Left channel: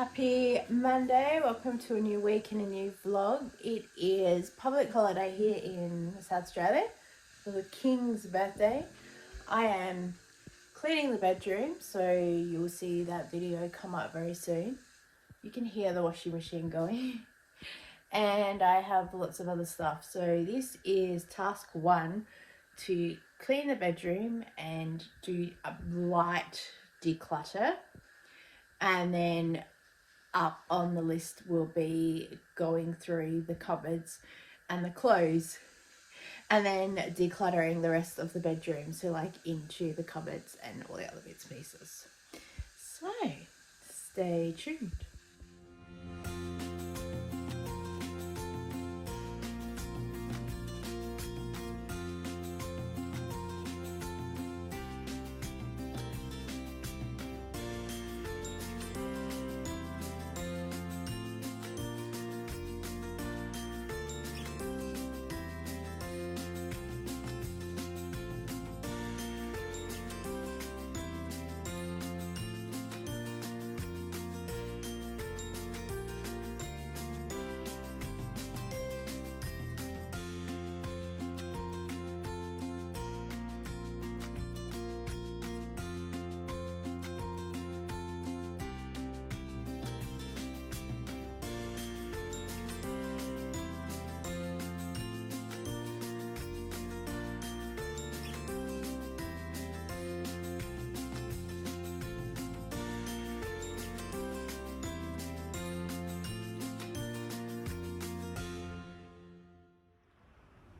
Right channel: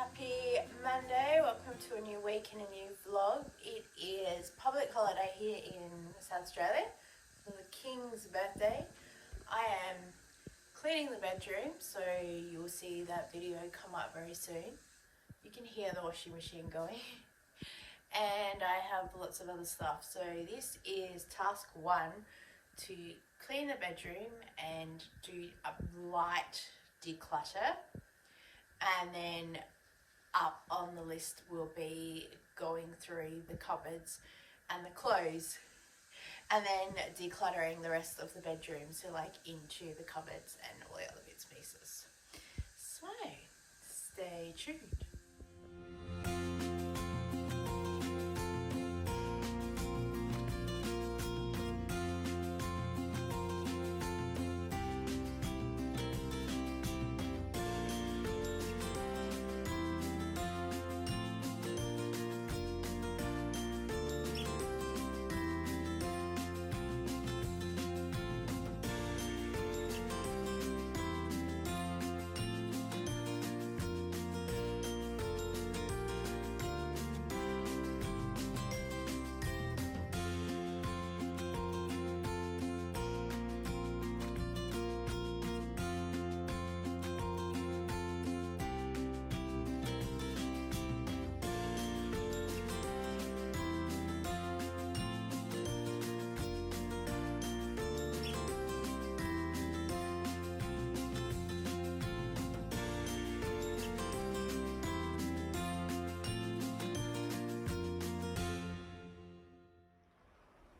Happy Monday, welcome to a new week and a new vlog. It is public holiday here in South Australia for the King's birthday. I am cleaning the bedroom, so you'll see that video come up very soon. You can hear the washing machine going. And I have lots of other stuff. So this is task 1, to clean the bedroom and do a light declutter. And then up on the list will be going through the cupboards and the clothes, and then decluttering the rest of the bedroom, so like into the cupboards and all the other bits and pieces. So stay tuned.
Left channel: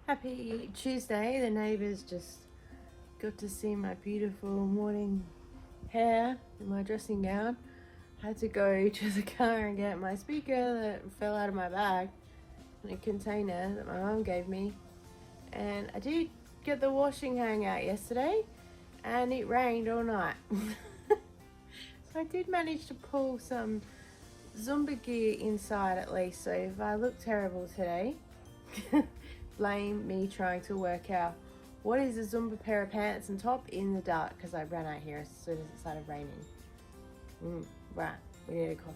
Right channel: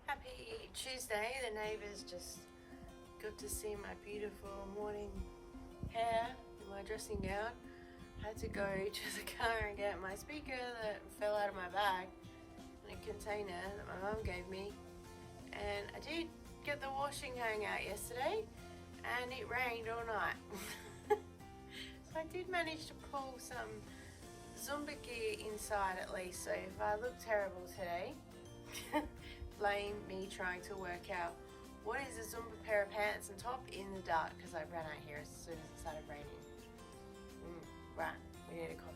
Happy Tuesday. The neighbours just got to see my beautiful morning hair in my dressing gown. I had to go to the car and get my speaker that fell out of my bag in a container that my mum gave me. And I did get the washing hang out yesterday and it rained all night. So I did manage to pull some Zumba gear inside at least. So if I look terrible today, blame me trying to work out what is a Zumba pair of pants and top in the dark, because I ran out here as soon as it started raining. Right, we need a coffee.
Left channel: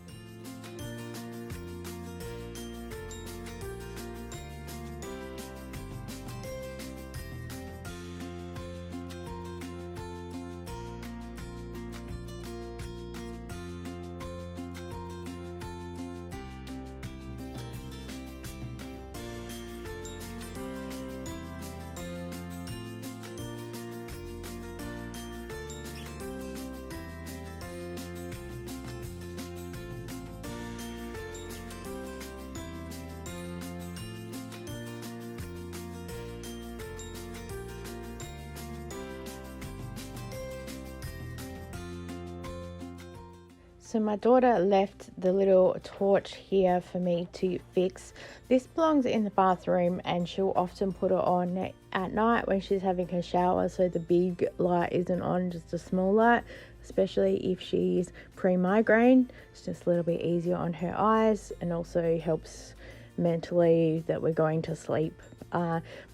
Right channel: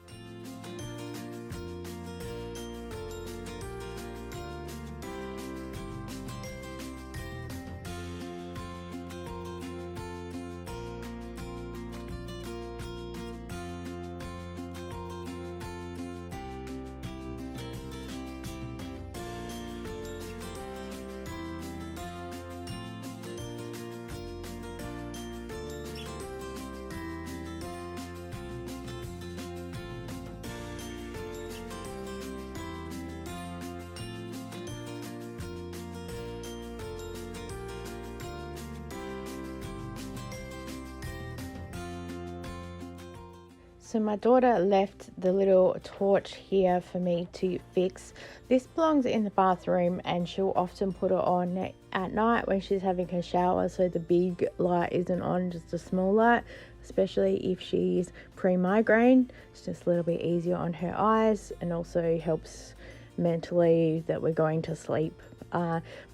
So my daughter left the little torch here for me to fix. This belongs in the bathroom and she'll often put it on at night when she's having her shower, so the big light isn't on, just a small light, especially if she's pre-migraine. It's just a little bit easier on her eyes and also helps mentally that we're going to sleep.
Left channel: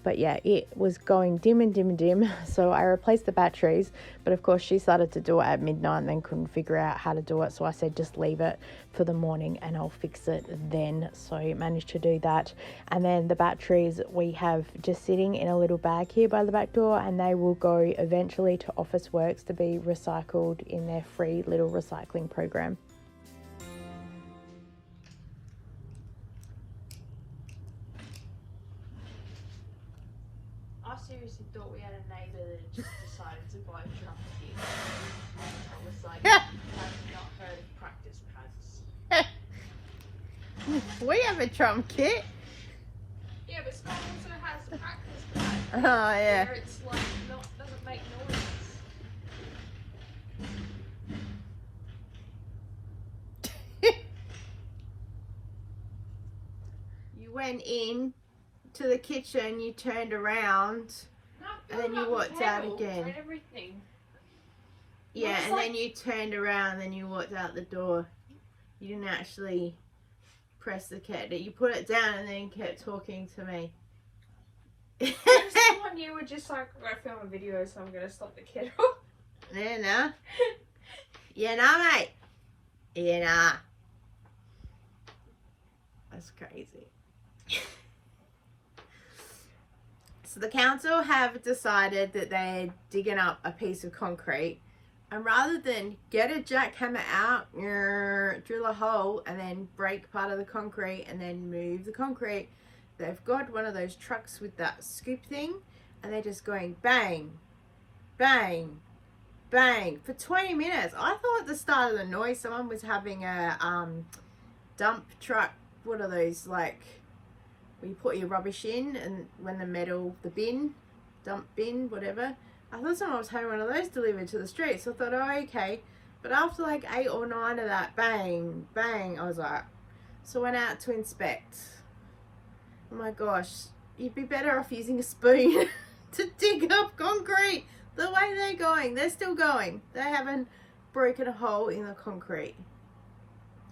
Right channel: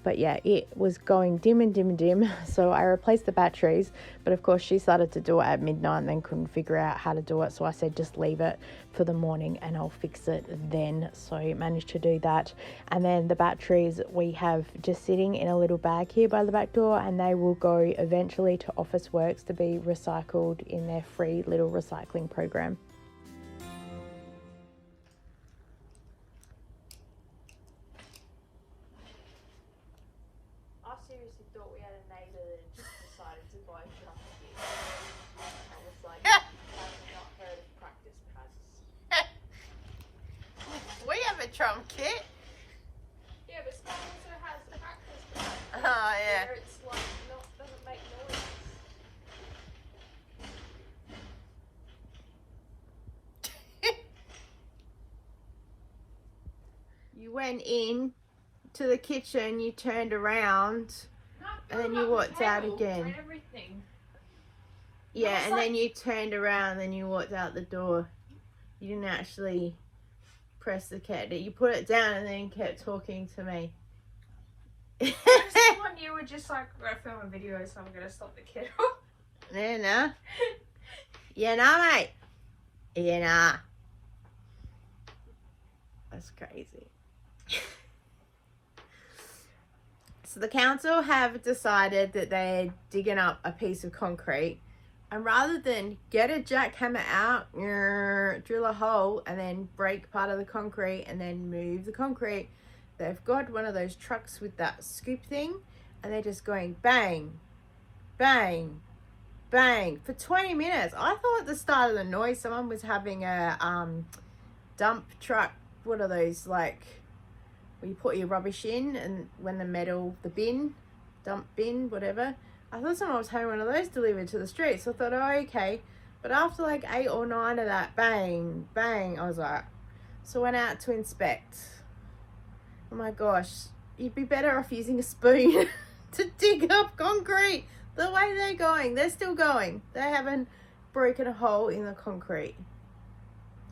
But yeah, it was going dim and dim and dim, so I replaced the batteries, but of course she started to do it at midnight and then couldn't figure out how to do it, so I said just leave it for the morning and I'll fix it then. So I managed to do that, and then the batteries we have just sitting in a little bag here by the back door, and they will go eventually to Officeworks to be recycled in their free little recycling program. Seriously thought we had a neighbour that just decided to buy drum kits. I was like, I've not heard of practice pads. We have a drum kit. Yeah, but Scott also has a practice pad. Oh yeah. Where it's like doesn't make noise. You went in to the kitchen, you turned around, and then you walked out again. Yeah, and then you turned around, then you walked out the door. You didn't actually press the kettle. You put it down and then kept talking to me. When you were just like, I film a video, so I'm gonna stop the kettle. Yeah, nah. Yeah, nah, mate. Yeah, nah. That's crazy. So the council have decided that they're digging up a piece of concrete, and rather than get a jackhammer out, drill a hole and then break part of the concrete and then move the concrete, they've got one of those trucks with that scoop thing, and they're just going bang, bang, bang for 20 minutes. I thought at the start of the noise someone was having a dump truck. What are those, like where you put your rubbish in, and when the bin, dump bin, whatever. I thought someone was having one of those delivered to the street. So I thought, oh, okay. But after like 8 or 9 of that bang, bang, I was like, so I went out to inspect. Oh my gosh, you'd be better off using a spoon to dig up concrete. The way they're going, they're still going. They haven't broken a hole in the concrete.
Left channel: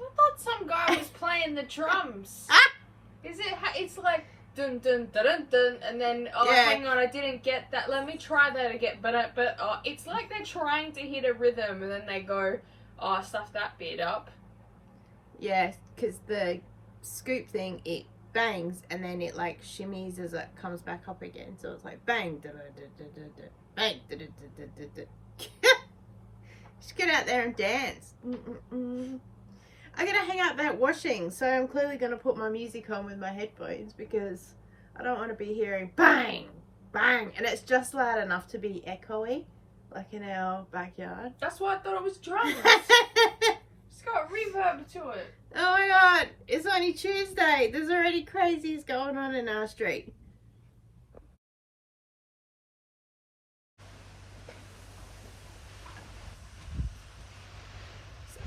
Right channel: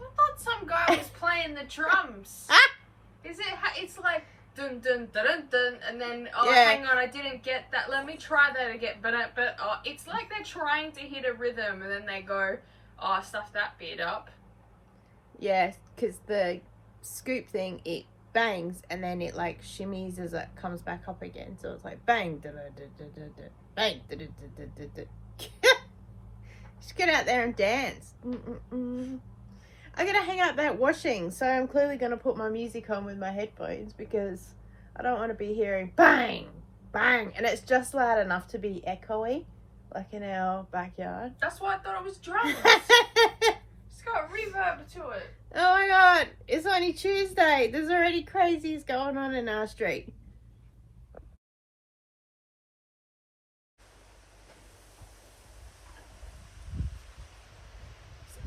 I thought some guy was playing the drums. It's like dun dun dun dun dun, and then hang on, I didn't get that. Let me try that again. But it's like they're trying to hit a rhythm, and then they go, stuff that bit up. Yeah, because the scoop thing, it bangs and then it like shimmies as it comes back up again. So it's like bang, da da da da da da, bang, da da da da da da. Just get out there and dance. I'm gonna hang out that washing, so I'm clearly gonna put my music on with my headphones because I don't want to be hearing bang, bang, and it's just loud enough to be echoey, like in our backyard. That's why I thought it was drums. It's got reverb to it. Oh my god, it's only Tuesday. There's already crazies going on in our street.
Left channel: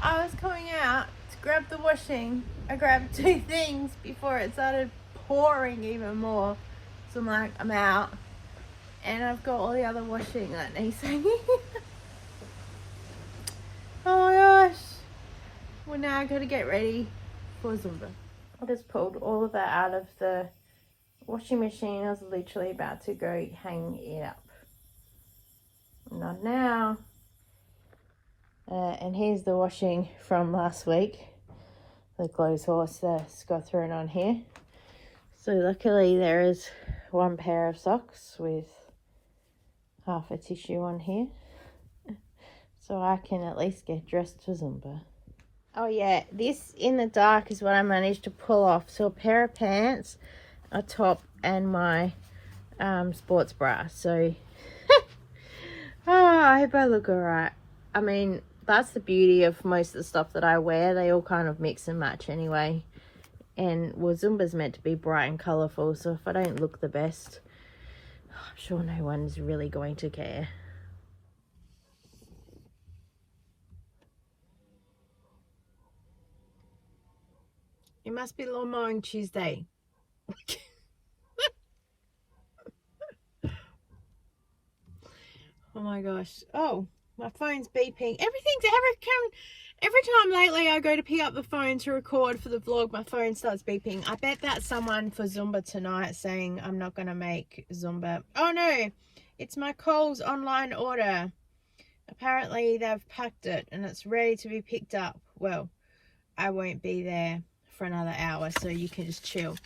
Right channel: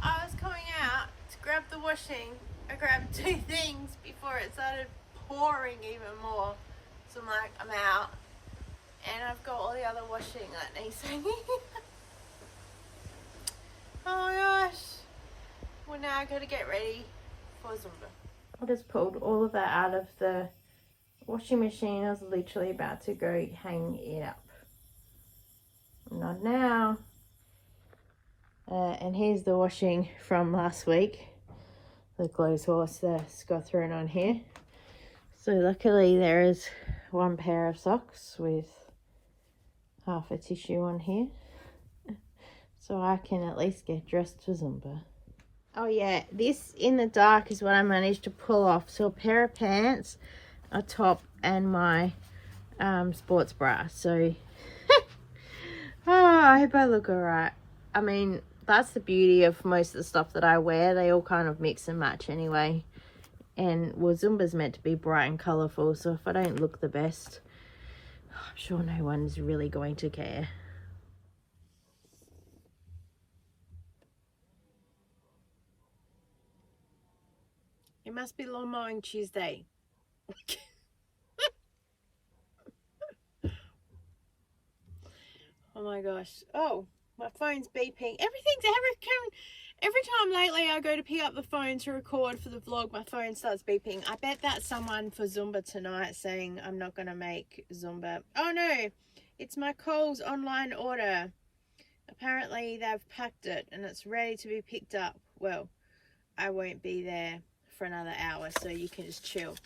I was coming out to grab the washing. I grabbed 2 things before it started pouring even more. So I'm like, I'm out. And I've got all the other washing that needs hanging. Oh my gosh. Well, now I gotta get ready for Zumba. I just pulled all of that out of the washing machine. I was literally about to go hang it up. Not now. And here's the washing from last week. The clothes horse that's got thrown on here. So luckily there is 1 pair of socks with half a tissue on here. So I can at least get dressed for Zumba. Oh yeah, this in the dark is what I managed to pull off. So a pair of pants, a top, and my sports bra. So, I hope I look alright. I mean, that's the beauty of most of the stuff that I wear. They all kind of mix and match anyway. And, well, Zumba's meant to be bright and colourful. So if I don't look the best, I'm sure no one's really going to care. It must be lawn mowing Tuesday. Oh my gosh. Oh, my phone's beeping. Every time lately I go to pick up the phone to record for the vlog, my phone starts beeping. I bet that's someone for Zumba tonight saying I'm not going to make Zumba. Oh no, it's my Coles online order. Apparently they've packed it and it's ready to be picked up. Well, I won't be there for another hour, so you can just chill.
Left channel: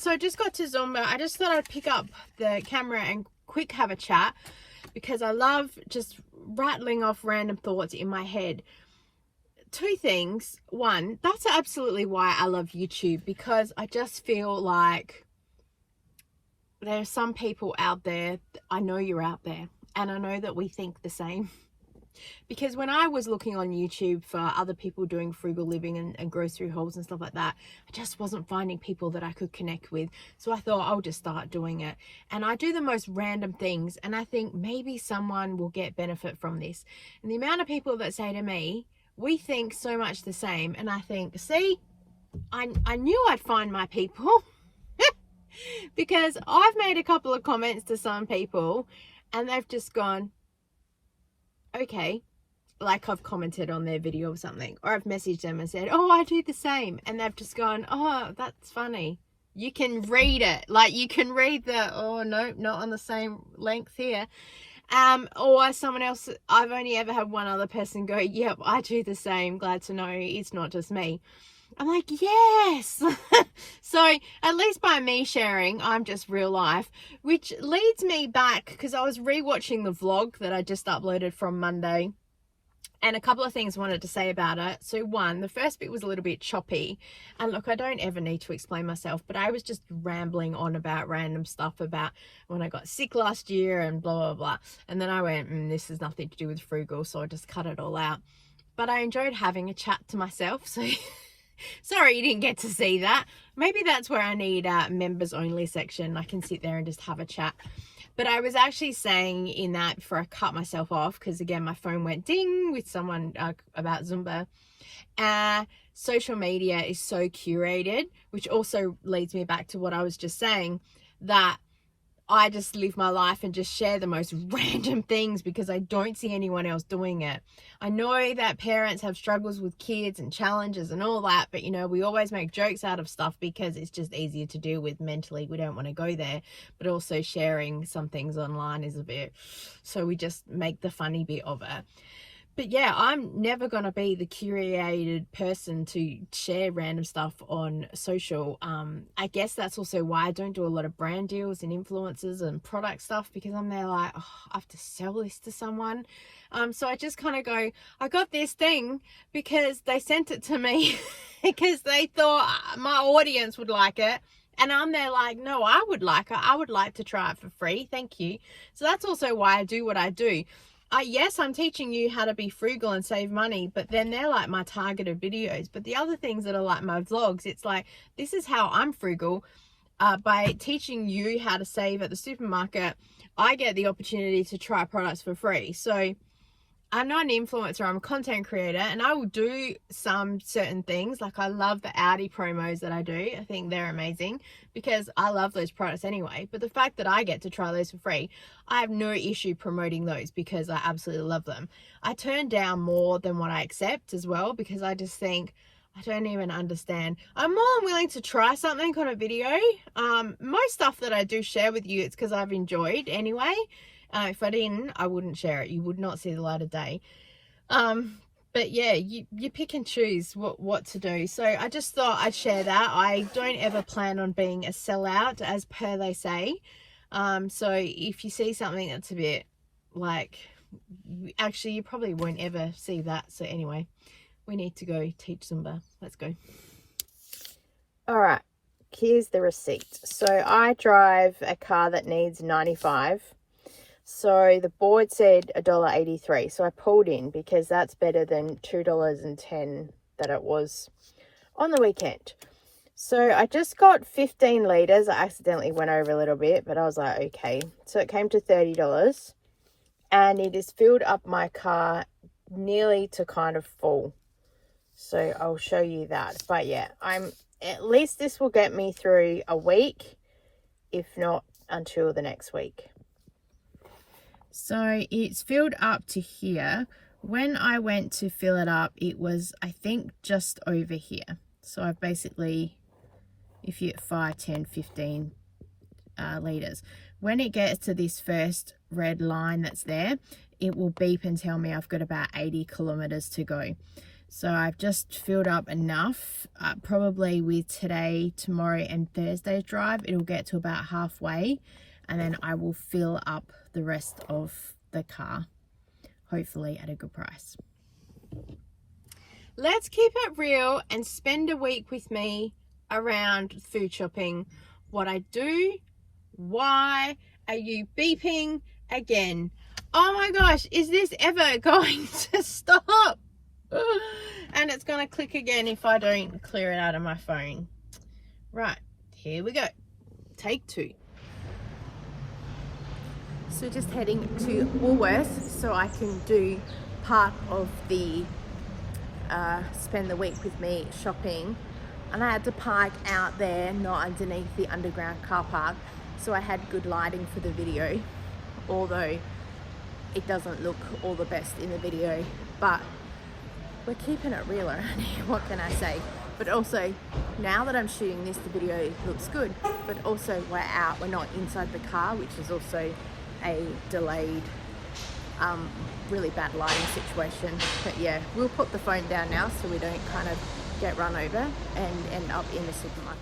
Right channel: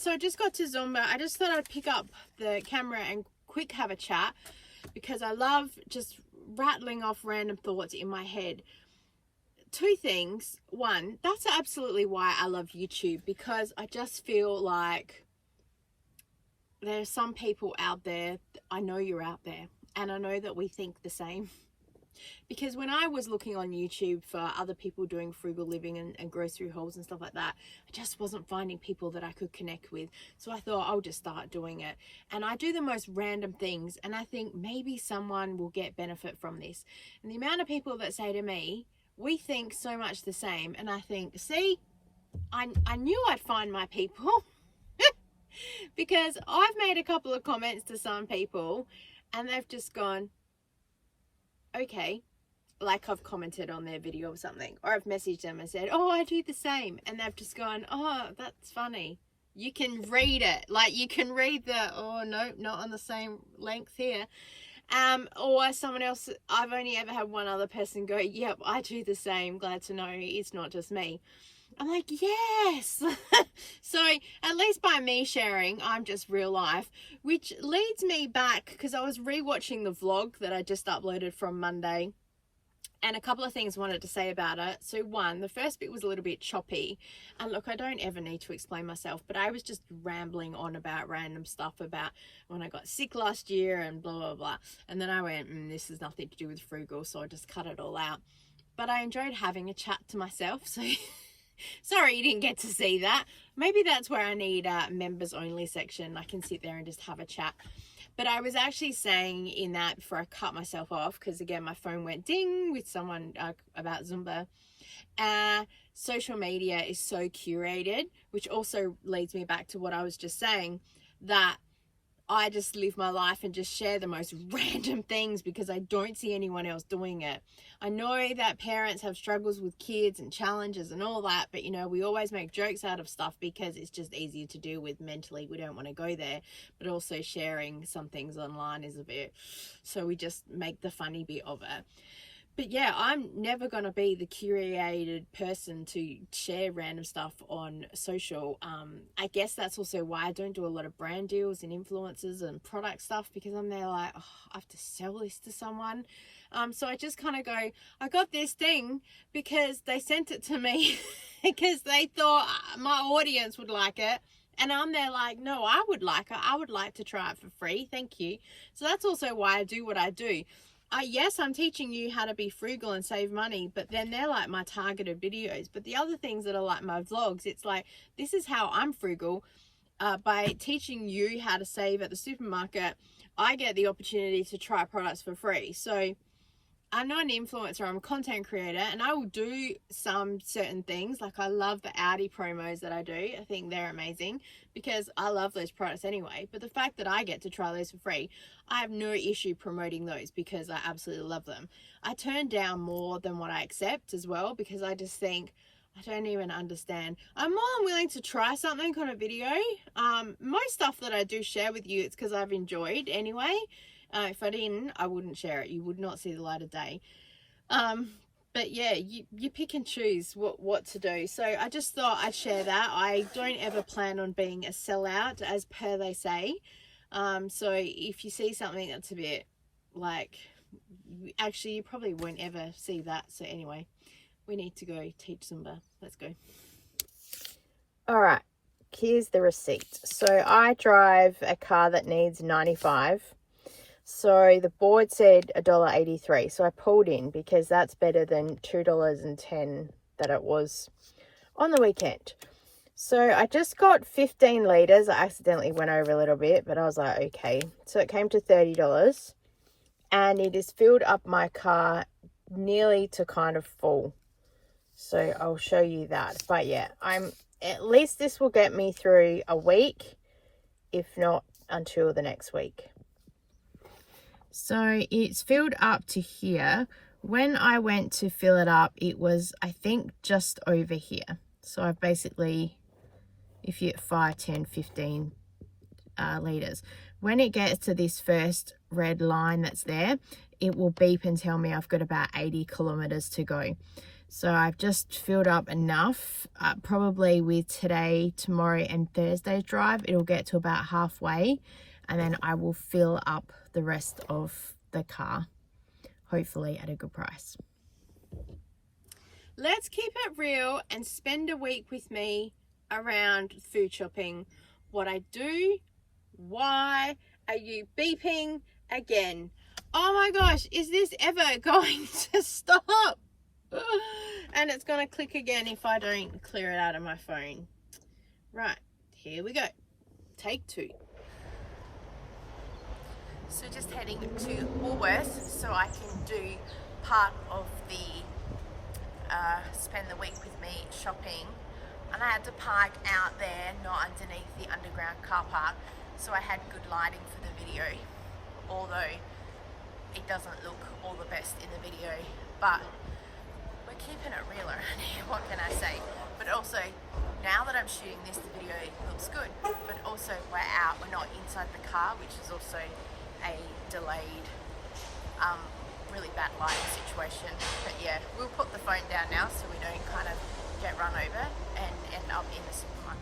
So I just got to Zumba. I just thought I'd pick up the camera and quick have a chat because I love just rattling off random thoughts in my head. 2 things. 1, that's absolutely why I love YouTube, because I just feel like there are some people out there, I know you're out there, and I know that we think the same. Because when I was looking on YouTube for other people doing frugal living and grocery hauls and stuff like that, I just wasn't finding people that I could connect with. So I thought I'll just start doing it. And I do the most random things, and I think maybe someone will get benefit from this. And the amount of people that say to me, we think so much the same, and I think, see, I knew I'd find my people. Because I've made a couple of comments to some people and they've just gone, okay, like I've commented on their video or something, or I've messaged them and said, oh, I do the same, and they've just gone, oh, that's funny. You can read it, like you can read the, oh no, not on the same length here. Or someone else, I've only ever had one other person go, yep, I do the same. Glad to know it's not just me. I'm like, yes. So at least by me sharing, I'm just real life, which leads me back because I was rewatching the vlog that I just uploaded from Monday. And a couple of things I wanted to say about it. So one, the first bit was a little bit choppy. And look, I don't ever need to explain myself, but I was just rambling on about random stuff about when I got sick last year and blah, blah, blah. And then I went, this has nothing to do with Frugal, so I just cut it all out. But I enjoyed having a chat to myself, so sorry you didn't get to see that. Maybe that's where I need a members only section. I can sit there and just have a chat. But I was actually saying in that before I cut myself off, because again, my phone went ding with someone about Zumba. Social media is so curated, which also leads me back to what I was just saying, that I just live my life and just share the most random things because I don't see anyone else doing it. I know that parents have struggles with kids and challenges and all that, but you know, we always make jokes out of stuff because it's just easier to deal with mentally. We don't want to go there, but also sharing some things online is a bit, so we just make the funny bit of it. But yeah, I'm never going to be the curated person to share random stuff on social. I guess that's also why I don't do a lot of brand deals and influencers and product stuff, because I'm there like, oh, I have to sell this to someone. So I just kind of go, I got this thing because they sent it to me because they thought my audience would like it. And I'm there like, no, I would like it. I would like to try it for free. Thank you. So that's also why I do what I do. Yes, I'm teaching you how to be frugal and save money, but then they're like my targeted videos. But the other things that are like my vlogs, it's like, this is how I'm frugal. By teaching you how to save at the supermarket, I get the opportunity to try products for free. So I'm not an influencer, I'm a content creator, and I will do some certain things. Like I love the Audi promos that I do. I think they're amazing because I love those products anyway. But the fact that I get to try those for free, I have no issue promoting those because I absolutely love them. I turn down more than what I accept as well because I just think, I don't even understand. I'm more than willing to try something on a video. Most stuff that I do share with you, it's because I've enjoyed anyway. If I didn't, I wouldn't share it. You would not see the light of day. But yeah, you pick and choose what to do. So I just thought I'd share that. I don't ever plan on being a sellout, as per they say. So if you see something that's a bit like, actually you probably won't ever see that. So anyway, we need to go teach Zumba. Let's go. All right, here's the receipt. So I drive a car that needs 95. So the board said $1.83. So I pulled in because that's better than $2.10 that it was on the weekend. So I just got 15 litres. I accidentally went over a little bit, but I was like, okay. So it came to $30 and it has filled up my car nearly to kind of full. So I'll show you that. But yeah, at least this will get me through a week, if not until the next week. So it's filled up to here. When I went to fill it up, it was, I think, just over here. So I've basically, if you get 5, 10, 15 litres. When it gets to this first red line that's there, it will beep and tell me I've got about 80 kilometres to go. So I've just filled up enough. Probably with today, tomorrow and Thursday's drive, it'll get to about halfway. And then I will fill up the rest of the car, hopefully at a good price. Let's keep it real and spend a week with me around food shopping. What I do, why are you beeping again? Oh my gosh, is this ever going to stop? And it's going to click again if I don't clear it out of my phone. Right, here we go. Take 2. So just heading to Woolworths so I can do part of the spend the week with me shopping. And I had to park out there, not underneath the underground car park. So I had good lighting for the video, although it doesn't look all the best in the video. But we're keeping it real around here, what can I say? But also, now that I'm shooting this, the video looks good. But also, we're out, we're not inside the car, which is also a delayed really bad lighting situation. But yeah, we'll put the phone down now so we don't kind of get run over and end up in the supermarket.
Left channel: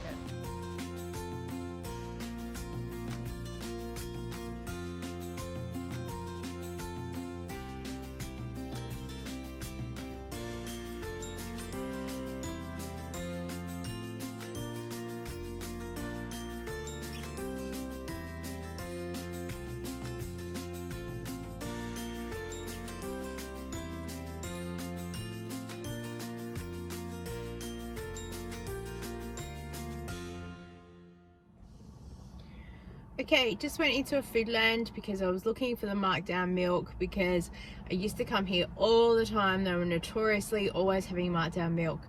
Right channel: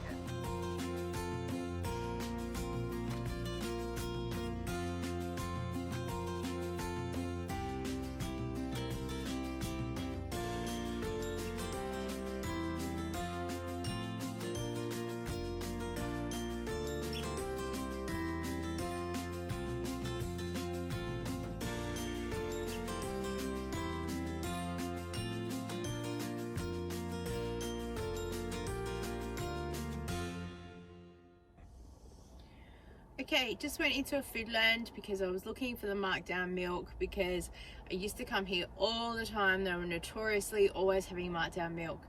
Okay, just went into a Foodland because I was looking for the markdown milk, because I used to come here all the time. They were notoriously always having markdown milk.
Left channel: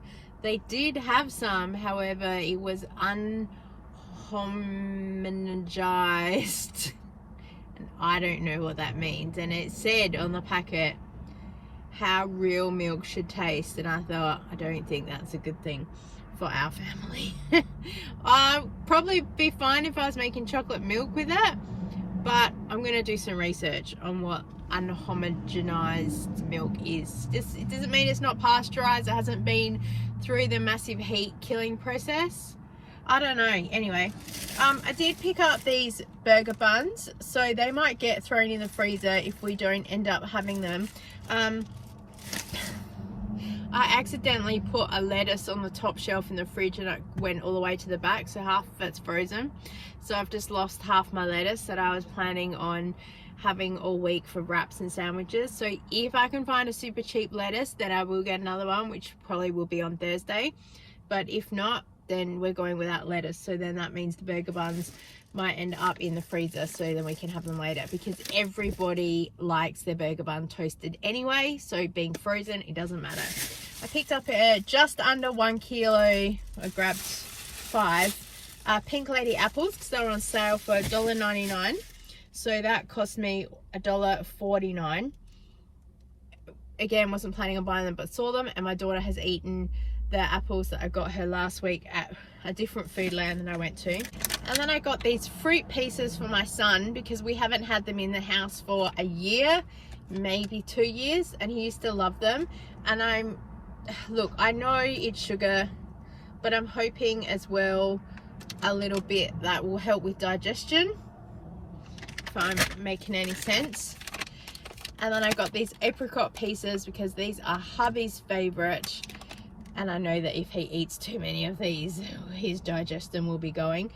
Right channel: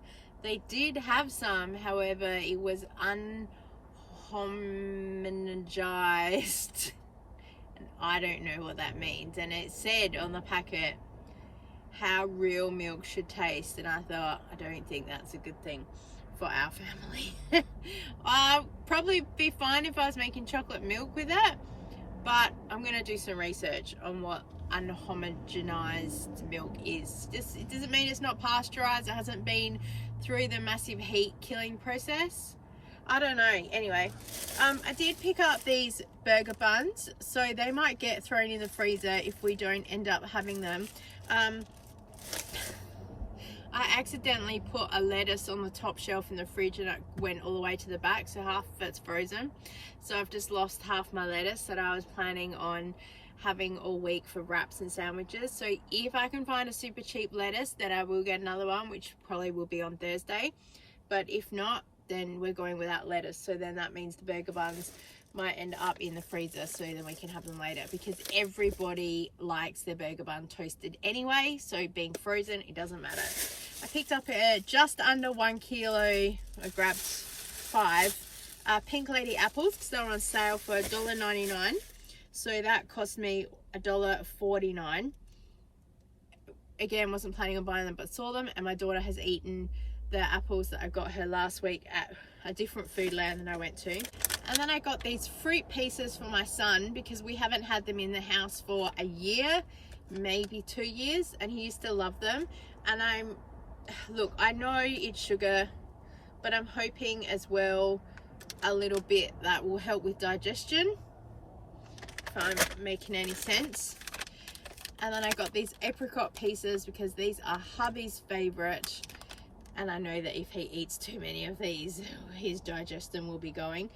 They did have some, however, it was unhomogenized. And I don't know what that means. And it said on the packet how real milk should taste, and I thought, I don't think that's a good thing for our family. I'll probably be fine if I was making chocolate milk with that, but I'm going to do some research on what unhomogenized milk is. It doesn't mean it's not pasteurized, it hasn't been through the massive heat killing process. I don't know. Anyway, I did pick up these burger buns, so they might get thrown in the freezer if we don't end up having them. I accidentally put a lettuce on the top shelf in the fridge and it went all the way to the back, so half of it's frozen. So I've just lost half my lettuce that I was planning on having all week for wraps and sandwiches. So if I can find a super cheap lettuce, then I will get another one, which probably will be on Thursday. But if not, then we're going without lettuce. So then that means the burger buns might end up in the freezer, so then we can have them later, because everybody likes their burger bun toasted anyway, so being frozen, it doesn't matter. I picked up just under 1 kilo. I grabbed 5 Pink Lady apples because they were on sale for $1.99, so that cost me $1.49. Again, wasn't planning on buying them, but saw them, and my daughter has eaten the apples that I got her last week at a different Foodland that I went to. And then I got these fruit pieces for my son because we haven't had them in the house for a year, maybe 2 years, and he used to love them. And look, I know it's sugar, but I'm hoping as well a little bit that will help with digestion, if I'm making any sense. And then I got these apricot pieces because these are hubby's favorite. And I know that if he eats too many of these, his digestion will be going.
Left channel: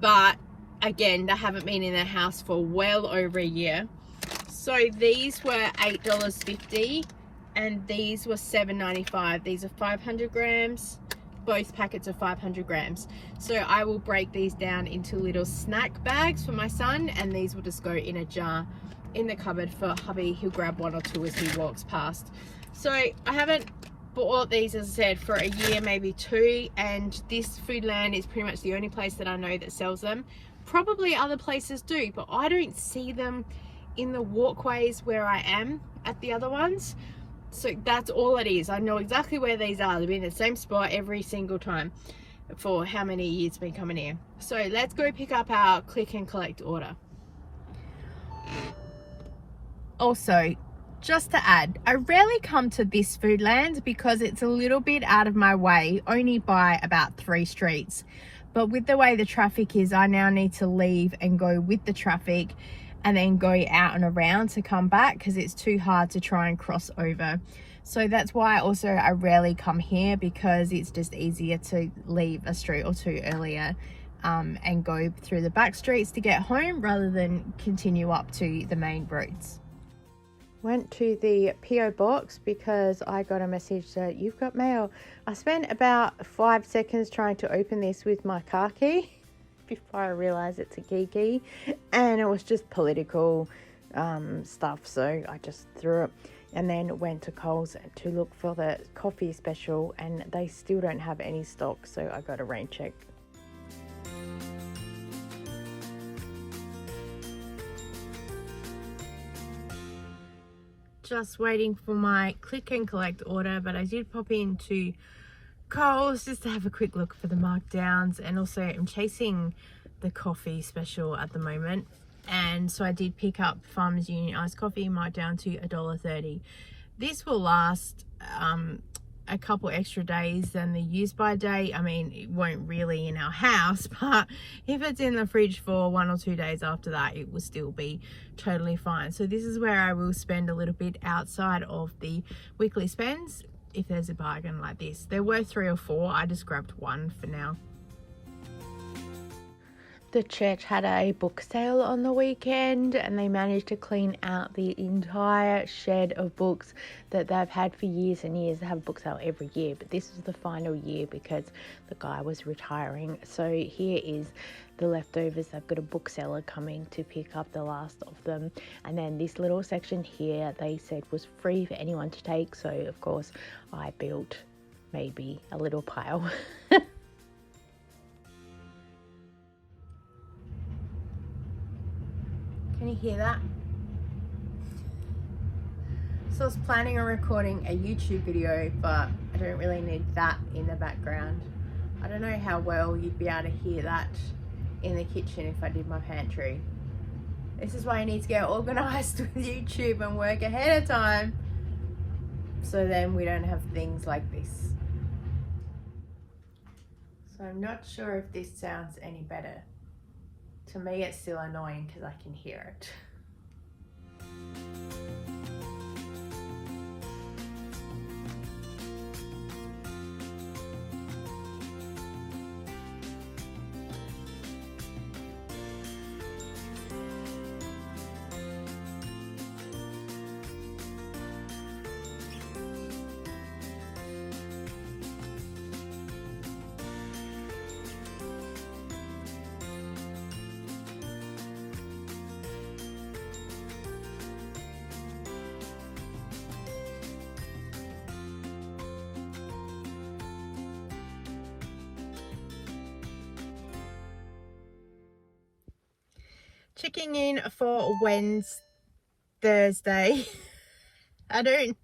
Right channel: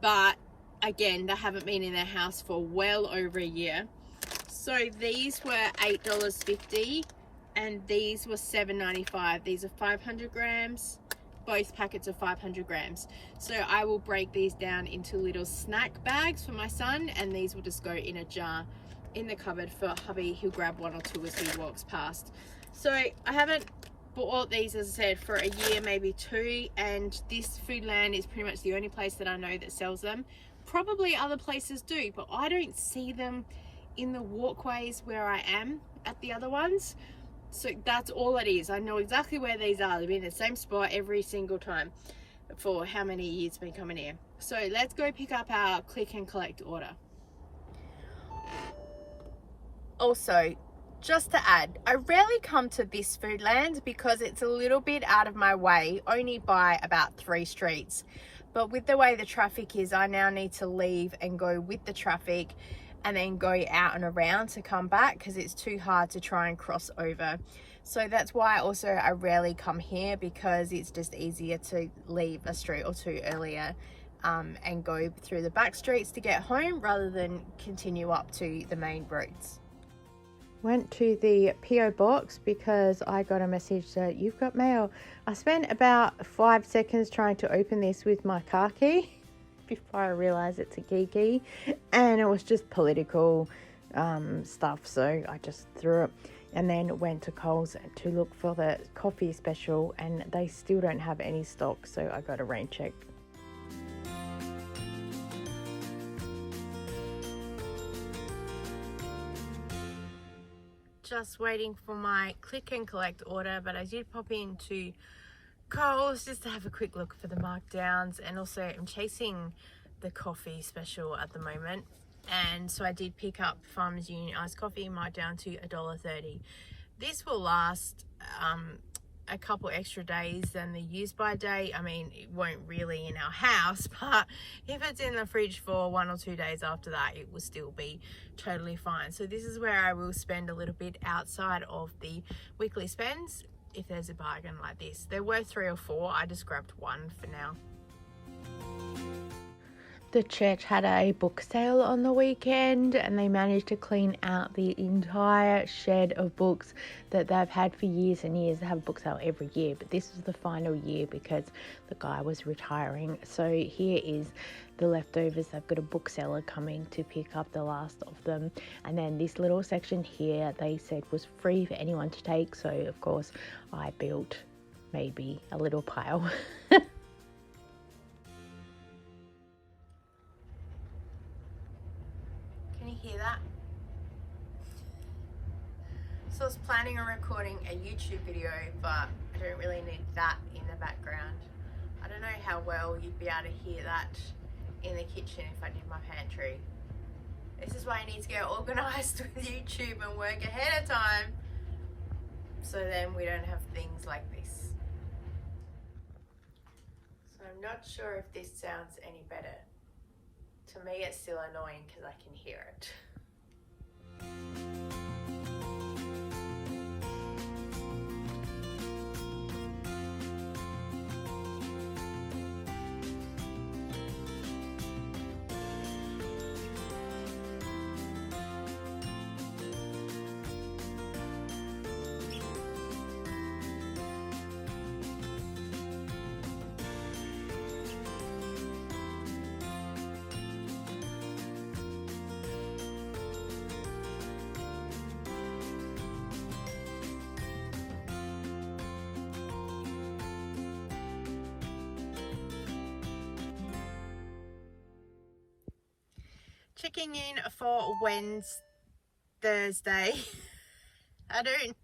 But again, they haven't been in the house for well over a year. So these were $8.50 and these were $7.95. These are 500 grams. Both packets are 500 grams. So I will break these down into little snack bags for my son, and these will just go in a jar in the cupboard for hubby. He'll grab 1 or 2 as he walks past. So I haven't bought these, as I said, for a year, maybe 2, and this Foodland is pretty much the only place that I know that sells them. Probably other places do, but I don't see them in the walkways where I am at the other ones. So that's all it is. I know exactly where these are. They've been in the same spot every single time for how many years been coming here. So let's go pick up our click and collect order. Also, just to add, I rarely come to this Foodland because it's a little bit out of my way, only by about 3 streets. But with the way the traffic is, I now need to leave and go with the traffic and then go out and around to come back because it's too hard to try and cross over. So that's why also I rarely come here, because it's just easier to leave a street or 2 earlier and go through the back streets to get home rather than continue up to the main roads. Went to the PO box because I got a message that you've got mail. I spent about 5 seconds trying to open this with my car key before I realized it's a key, and it was just political stuff, so I just threw it and then went to Coles to look for the coffee special, and they still don't have any stock, so I got a rain check. Just waiting for my click and collect order, but I did pop into Coles just to have a quick look for the markdowns, and also I'm chasing the coffee special at the moment. And so I did pick up Farmers Union iced coffee, marked down to $1.30. This will last a couple extra days than the use by date. I mean, it won't really in our house, but if it's in the fridge for 1 or 2 days after that, it will still be totally fine. So this is where I will spend a little bit outside of the weekly spends if there's a bargain like this. There were 3 or 4. I just grabbed 1 for now. The church had a book sale on the weekend, and they managed to clean out the entire shed of books that they've had for years and years. They have a book sale every year, but this was the final year because the guy was retiring. So here is the leftovers. They've got a bookseller coming to pick up the last of them, and then this little section here they said was free for anyone to take. So of course I built maybe a little pile. Can you hear that? So I was planning on recording a YouTube video, but I don't really need that in the background. I don't know how well you'd be able to hear that in the kitchen if I did my pantry. This is why I need to get organized with YouTube and work ahead of time, so then we don't have things like this. So I'm not sure if this sounds any better. To me, it's still annoying because I can hear it. Checking in for Thursday. I don't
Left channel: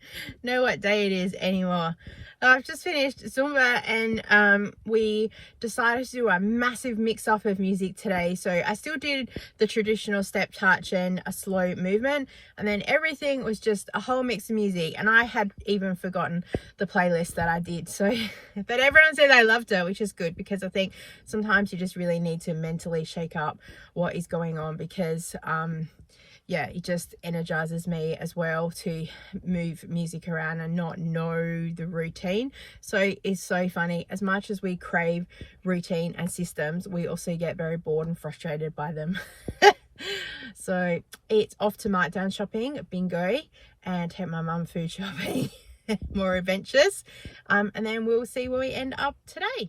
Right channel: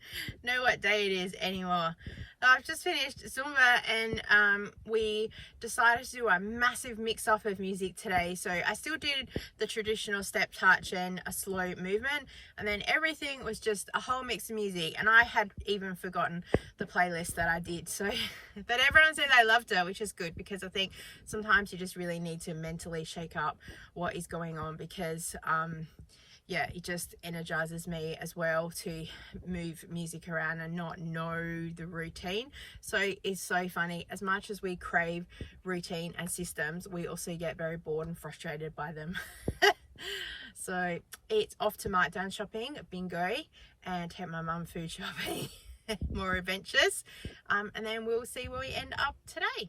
know what day it is anymore. I've just finished Zumba, and we decided to do a massive mix up of music today. So I still did the traditional step touch and a slow movement, and then everything was just a whole mix of music, and I had even forgotten the playlist that I did. So but everyone said they loved it, which is good, because I think sometimes you just really need to mentally shake up what is going on, because yeah, it just energizes me as well to move music around and not know the routine. So it's so funny. As much as we crave routine and systems, we also get very bored and frustrated by them. So it's off to Markdown shopping, bingo, and take my mum food shopping. More adventures. And then we'll see where we end up today.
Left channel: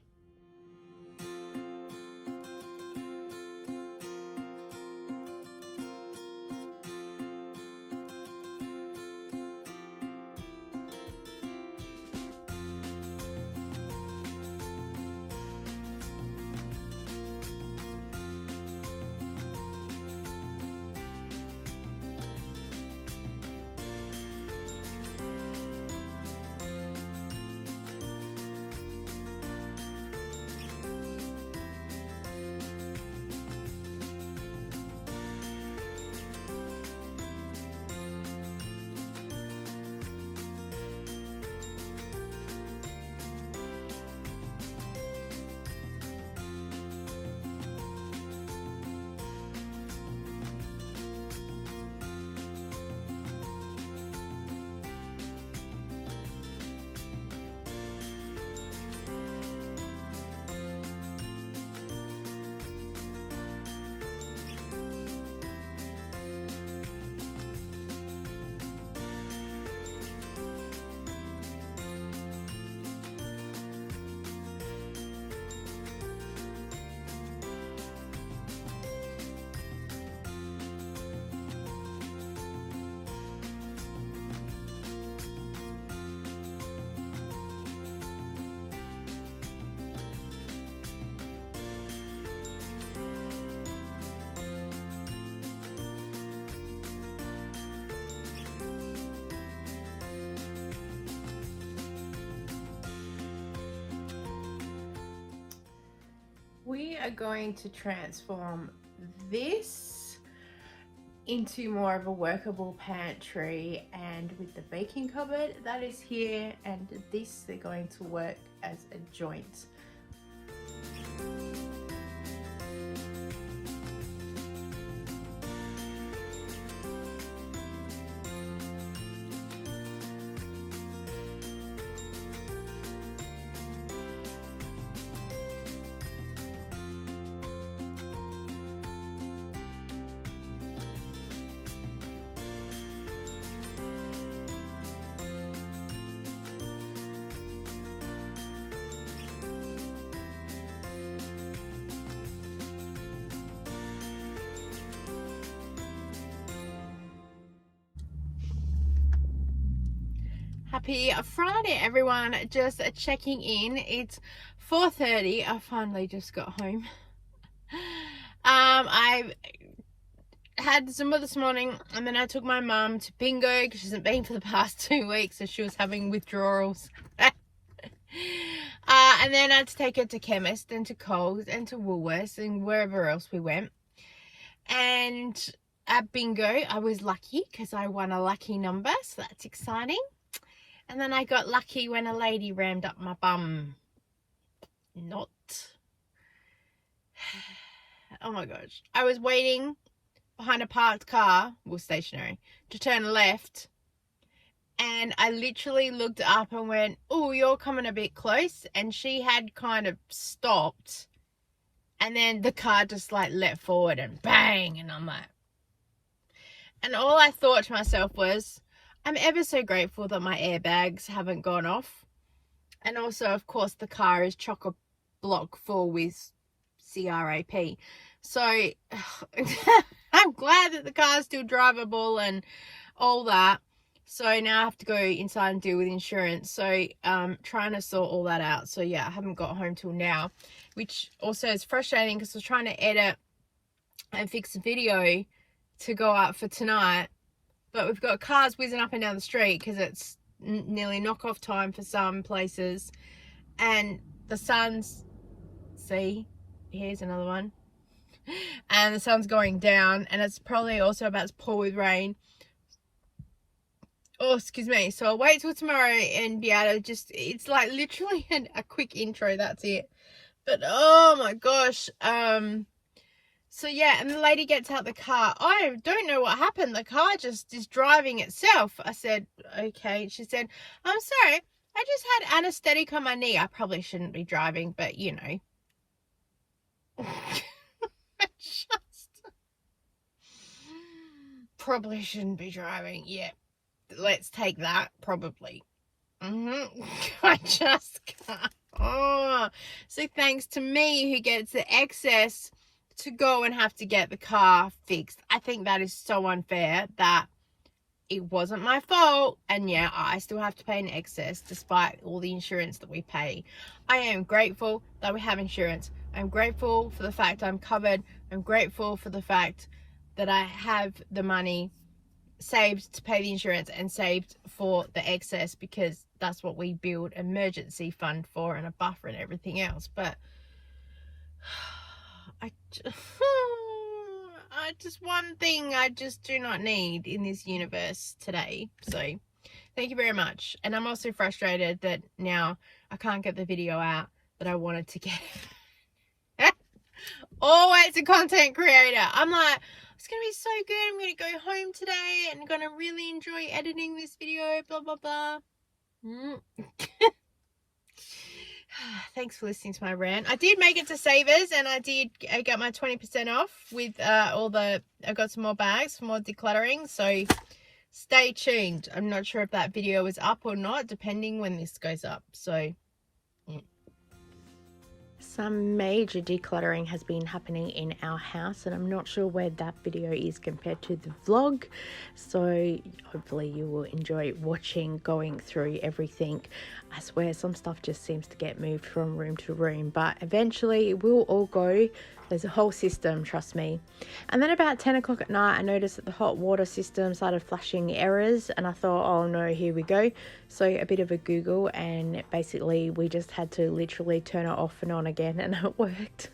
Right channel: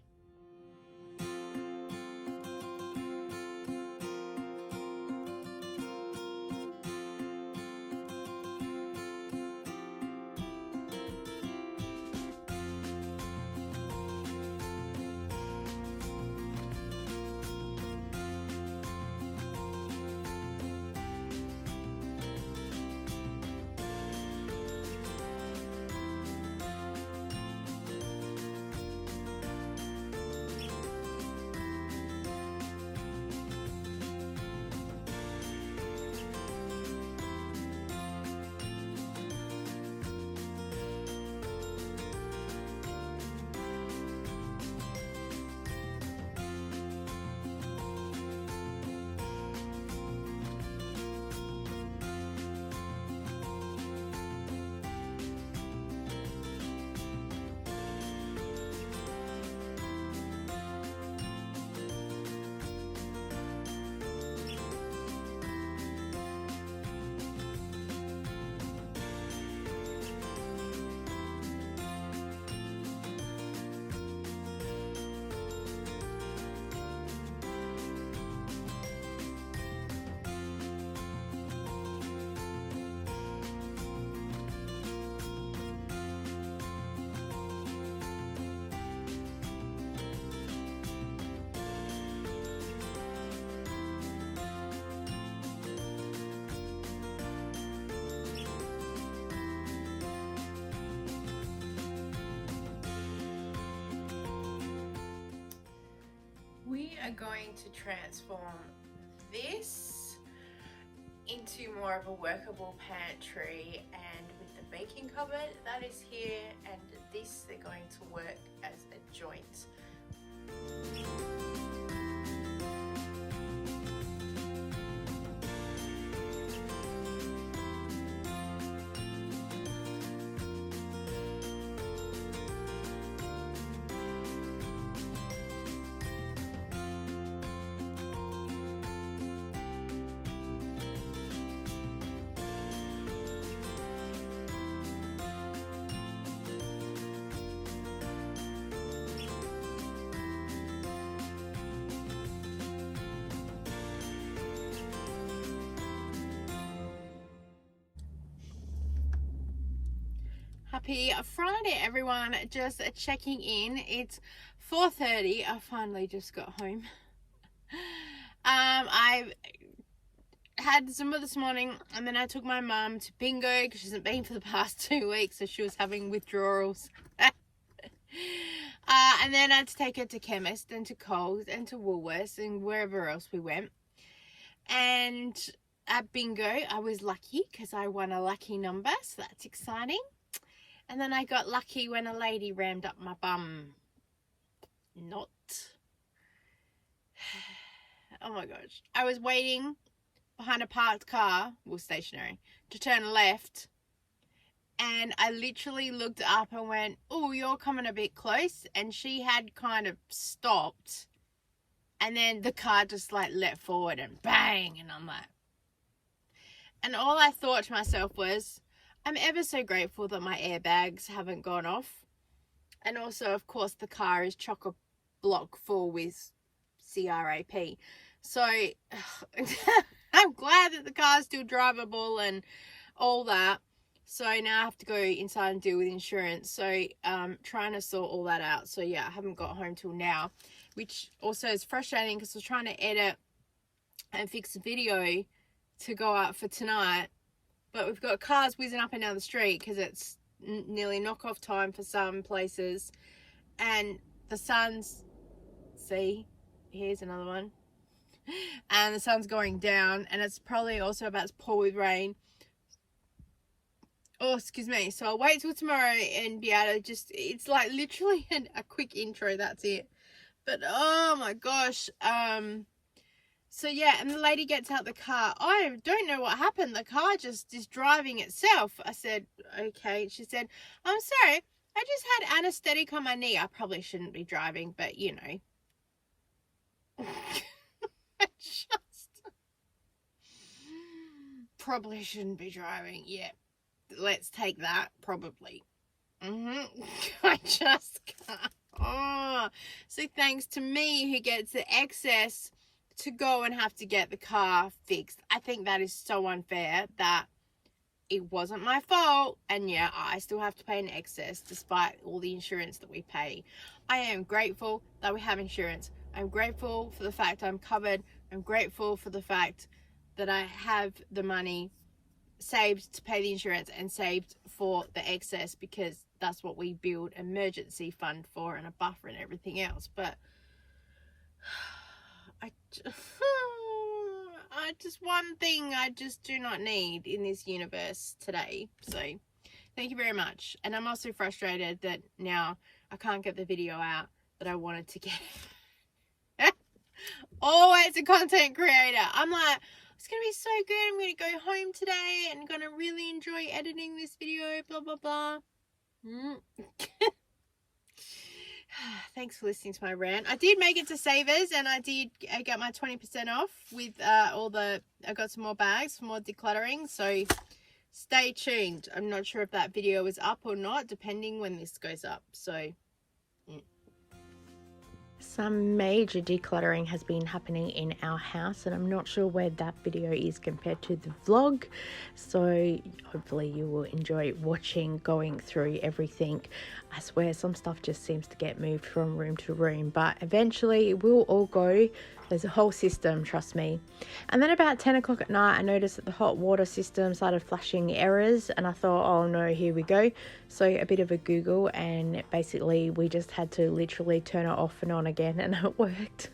We are going to transform this into more of a workable pantry, and with the baking cupboard that is here and this, they're going to work as a joint. Happy Friday, everyone. Just checking in. It's 4:30. I finally just got home. I had Zumba this morning, and then I took my mum to bingo because she hasn't been for the past 2 weeks, so she was having withdrawals. And then I had to take her to chemist and to Coles and to Woolworths and wherever else we went. And at bingo, I was lucky because I won a lucky number, so that's exciting. And then I got lucky when a lady rammed up my bum. Not. Oh my gosh. I was waiting behind a parked car, well, stationary, to turn left. And I literally looked up and went, oh, you're coming a bit close. And she had kind of stopped. And then the car just like let forward and bang. And I'm like. And all I thought to myself was, I'm ever so grateful that my airbags haven't gone off. And also, of course, the car is chock-a-block full with CRAP. So, I'm glad that the car's still drivable and all that. So, now I have to go inside and deal with insurance. So, trying to sort all that out. So, yeah, I haven't got home till now. Which also is frustrating because I was trying to edit and fix a video to go out for tonight. But we've got cars whizzing up and down the street because it's nearly knock-off time for some places. And the sun's... See? Here's another one. And the sun's going down. And it's probably also about to pour with rain. Oh, excuse me. So I'll wait till tomorrow and be able to just... It's like literally a quick intro. That's it. But, oh my gosh. So yeah, and the lady gets out the car. I don't know what happened. The car just is driving itself. I said, okay. She said, I'm sorry. I just had anesthetic on my knee. I probably shouldn't be driving, but you know. I just probably shouldn't be driving. Yeah. Let's take that. Probably. I just can't. Oh. So thanks to me who gets the excess to go and have to get the car fixed. I think that is so unfair that it wasn't my fault, and yeah, I still have to pay an excess despite all the insurance that we pay. I am grateful that we have insurance. I'm grateful for the fact I'm covered. I'm grateful for the fact that I have the money saved to pay the insurance and saved for the excess, because that's what we build emergency fund for, and a buffer and everything else. But just one thing I just do not need in this universe today. So thank you very much. And I'm also frustrated that now I can't get the video out that I wanted to get. Always a content creator. I'm like, it's gonna be so good. I'm gonna go home today and gonna really enjoy editing this video, blah blah blah. Thanks for listening to my rant. I did make it to Savers, and I got my 20% off with I got some more bags for more decluttering, so stay tuned. I'm not sure if that video is up or not, depending when this goes up. So some major decluttering has been happening in our house, and I'm not sure where that video is compared to the vlog, so hopefully you will enjoy watching, going through everything. I swear some stuff just seems to get moved from room to room, but eventually it will all go. There's a whole system, trust me. And then about 10 o'clock at night, I noticed that the hot water system started flashing errors, and I thought, oh no, here we go. So a bit of a Google, and basically we just had to literally turn it off and on again, and it worked.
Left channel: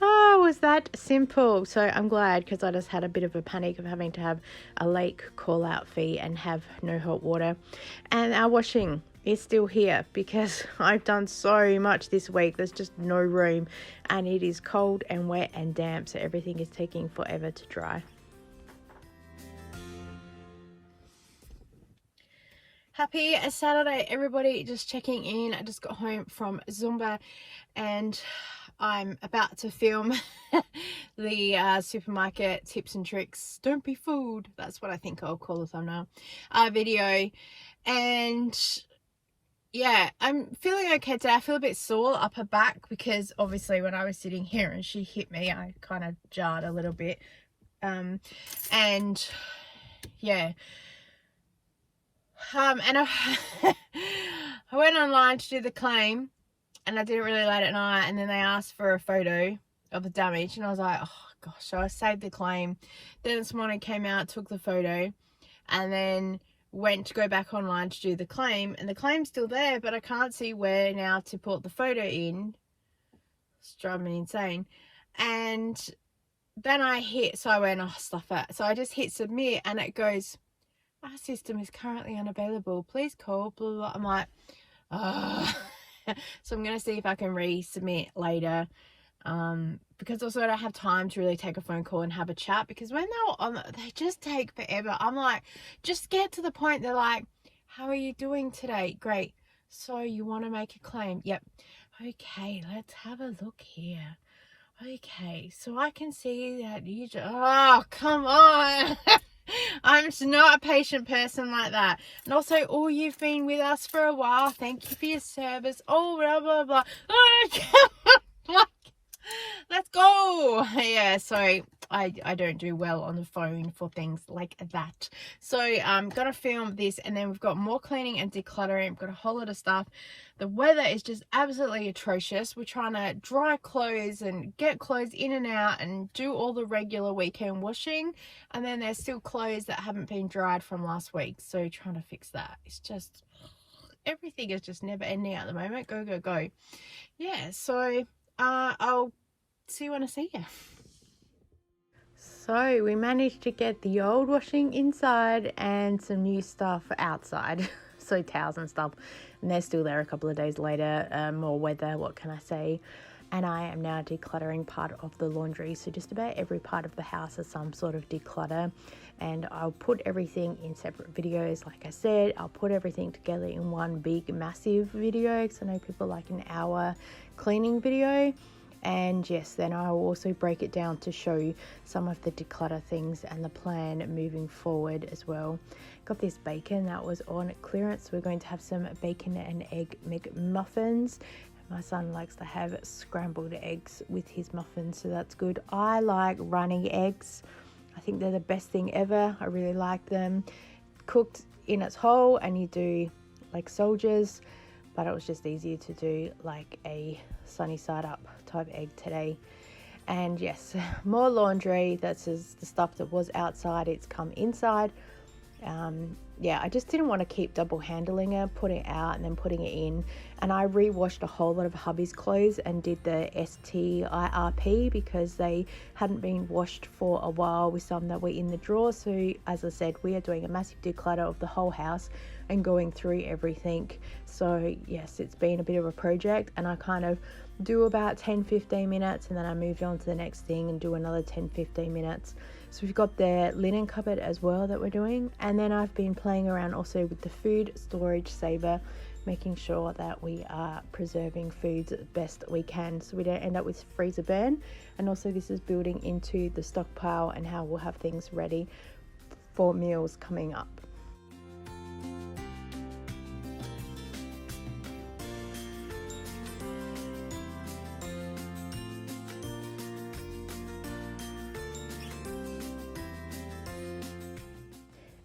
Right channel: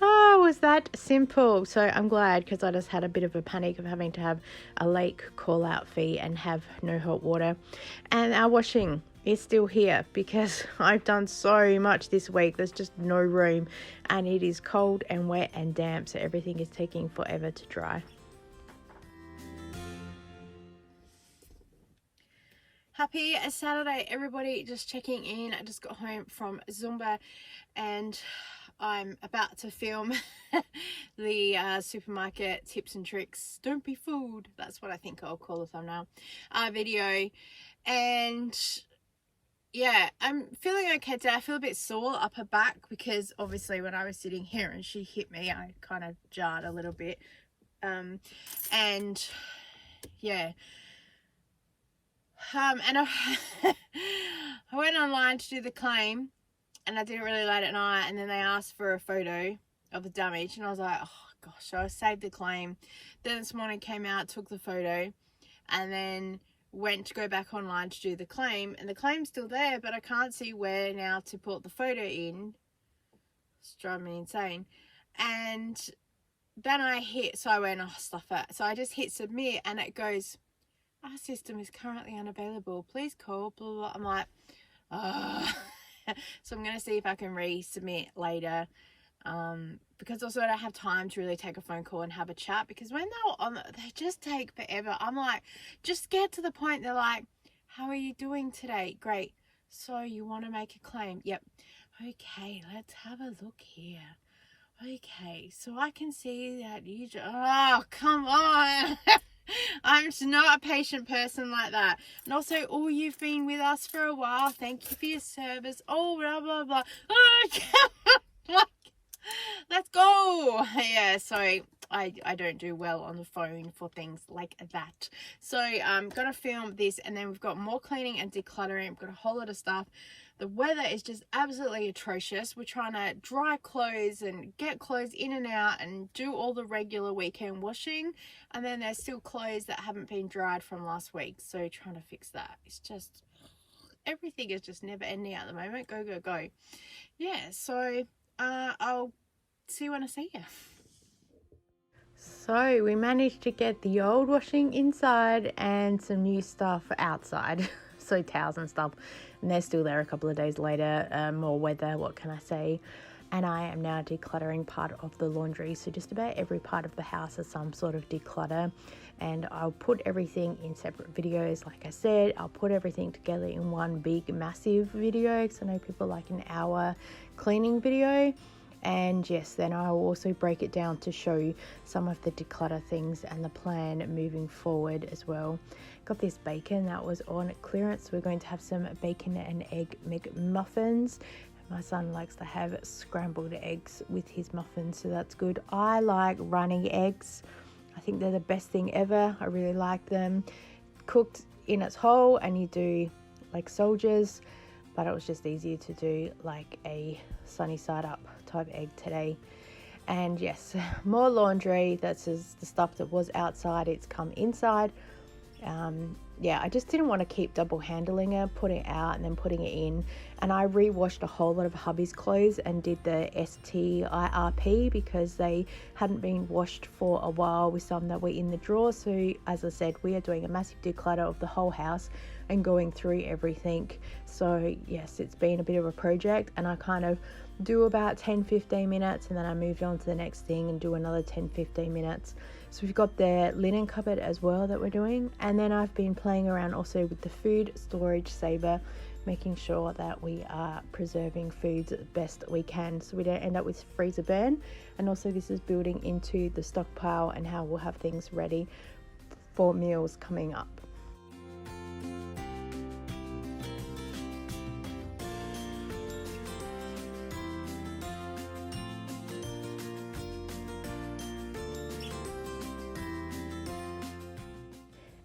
Oh, was that simple. So I'm glad, because I just had a bit of a panic of having to have a lake call out fee and have no hot water. And our washing is still here because I've done so much this week. There's just no room, and it is cold and wet and damp, so everything is taking forever to dry. Happy Saturday, everybody. Just checking in. I just got home from Zumba and I'm about to film the supermarket tips and tricks. Don't be fooled. That's what I think I'll call the thumbnail video. And yeah, I'm feeling okay today. I feel a bit sore upper back because obviously when I was sitting here and she hit me, I kind of jarred a little bit. And yeah. And I went online to do the claim, and I did it really late at night, and then they asked for a photo of the damage, and I was like, oh gosh. So I saved the claim. Then this morning came out, took the photo, and then went to go back online to do the claim, and the claim's still there, but I can't see where now to put the photo in. It's driving me insane. And then I went, oh, stuff it. So I just hit submit, and it goes, our system is currently unavailable. Please call, blah, blah, blah. I'm like, so I'm going to see if I can resubmit later. Because also I don't have time to really take a phone call and have a chat, because when they're on, they just take forever. I'm like, just get to the point. They're like, how are you doing today? Great. So you want to make a claim? Yep. Okay, let's have a look here. Okay, so I can see that you just, oh, come on. I'm just not a patient person like that. And also, oh, you've been with us for a while. Thank you for your service. Oh, blah, blah, blah. Oh, let's go. Yeah, so I don't do well on the phone for things like that. So I'm going to film this, and then we've got more cleaning and decluttering. We've got a whole lot of stuff. The weather is just absolutely atrocious. We're trying to dry clothes and get clothes in and out and do all the regular weekend washing. And then there's still clothes that haven't been dried from last week. So trying to fix that. It's just, everything is just never ending at the moment. Go, go, go. Yeah, so I'll see you when I see you. So we managed to get the old washing inside and some new stuff outside. So towels and stuff, and they're still there a couple of days later. More weather, what can I say? And I am now decluttering part of the laundry. So just about every part of the house is some sort of declutter, and I'll put everything in separate videos. Like I said, I'll put everything together in one big massive video, because I know people like an hour cleaning video. And yes, then I will also break it down to show you some of the declutter things and the plan moving forward as well. Got this bacon that was on clearance. We're going to have some bacon and egg McMuffins. My son likes to have scrambled eggs with his muffins, so that's good. I like running eggs. I think they're the best thing ever. I really like them. Cooked in its whole, and you do like soldiers, but it was just easier to do like a sunny side up type egg today. And yes, more laundry. That's just the stuff that was outside, it's come inside. Yeah, I just didn't want to keep double handling it, putting it out and then putting it in. And I re-washed a whole lot of hubby's clothes and did the STIRP because they hadn't been washed for a while with some that were in the drawer. So as I said, we are doing a massive declutter of the whole house and going through everything. So yes, it's been a bit of a project, and I kind of do about 10-15 minutes, and then I moved on to the next thing and do another 10-15 minutes. So we've got the linen cupboard as well that we're doing, and then I've been playing around also with the food storage saver, making sure that we are preserving foods as best we can so we don't end up with freezer burn. And also this is building into the stockpile and how we'll have things ready for meals coming up.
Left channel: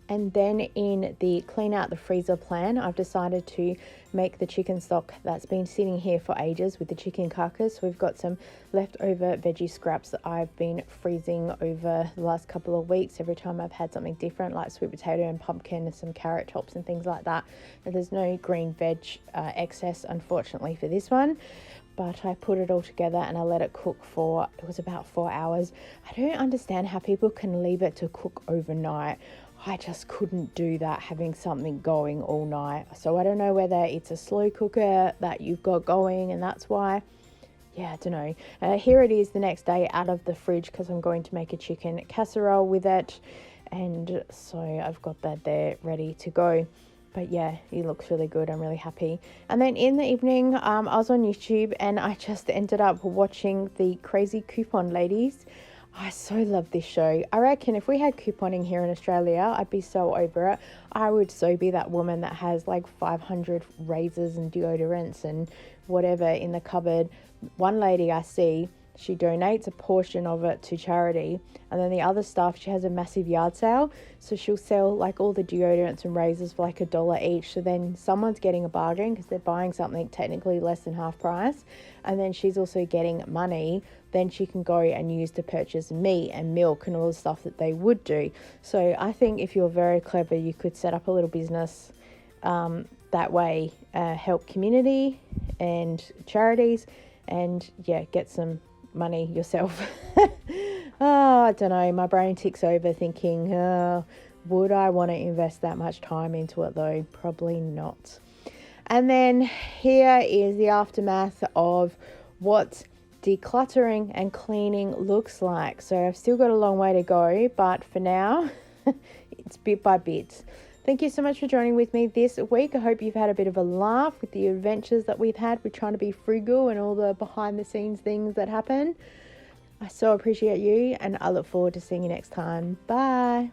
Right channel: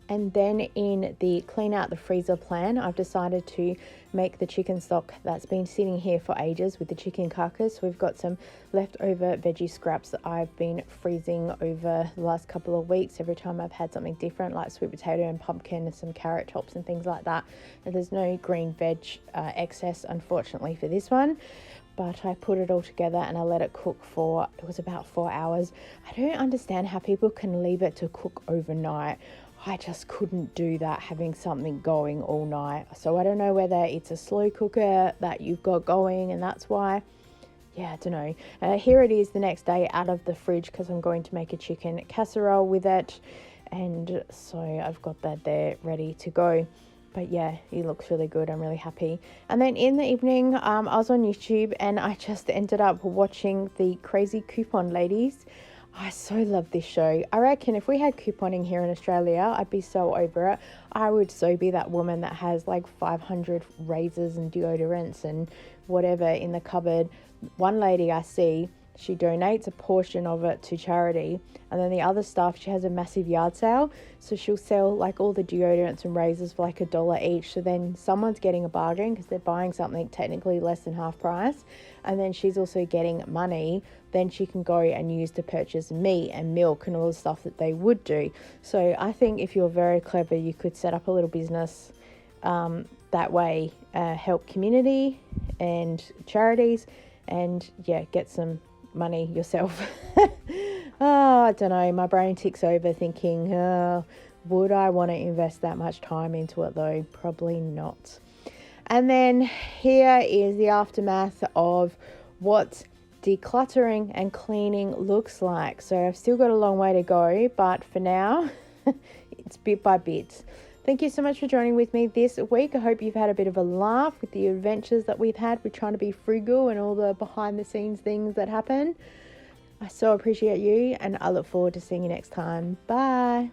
And then in the clean out the freezer plan, I've decided to make the chicken stock that's been sitting here for ages with the chicken carcass. We've got some leftover veggie scraps that I've been freezing over the last couple of weeks. Every time I've had something different, like sweet potato and pumpkin and some carrot tops and things like that. And there's no green veg excess, unfortunately, for this one. but I put it all together and I let it cook for, it was about 4 hours. I don't understand how people can leave it to cook overnight. I just couldn't do that, having something going all night. So I don't know whether it's a slow cooker that you've got going and that's why. Yeah, I don't know. Here it is the next day out of the fridge because I'm going to make a chicken casserole with it. And so I've got that there ready to go. But yeah, it looks really good. I'm really happy. And then in the evening, I was on YouTube and I just ended up watching the Crazy Coupon Ladies. I so love this show. I reckon if we had couponing here in Australia, I'd be so over it. I would so be that woman that has like 500 razors and deodorants and whatever in the cupboard. One lady I see, she donates a portion of it to charity, and then the other stuff, she has a massive yard sale, so she'll sell like all the deodorants and razors for like $1 each. So then someone's getting a bargain because they're buying something technically less than half price, and then she's also getting money then she can go and use to purchase meat and milk and all the stuff that they would do. So I think if you're very clever, you could set up a little business that way, help community and charities, and yeah, get some money yourself. Oh, I don't know, my brain ticks over thinking, would I want to invest that much time into it though? Probably not. And then here is the aftermath of what decluttering and cleaning looks like. So I've still got a long way to go, but for now it's bit by bit. Thank you so much for joining with me this week. I hope you've had a bit of a laugh with the adventures that we've had with trying to be frugal and all the behind the scenes things that happen. I so appreciate you and I look forward to seeing you next time. Bye.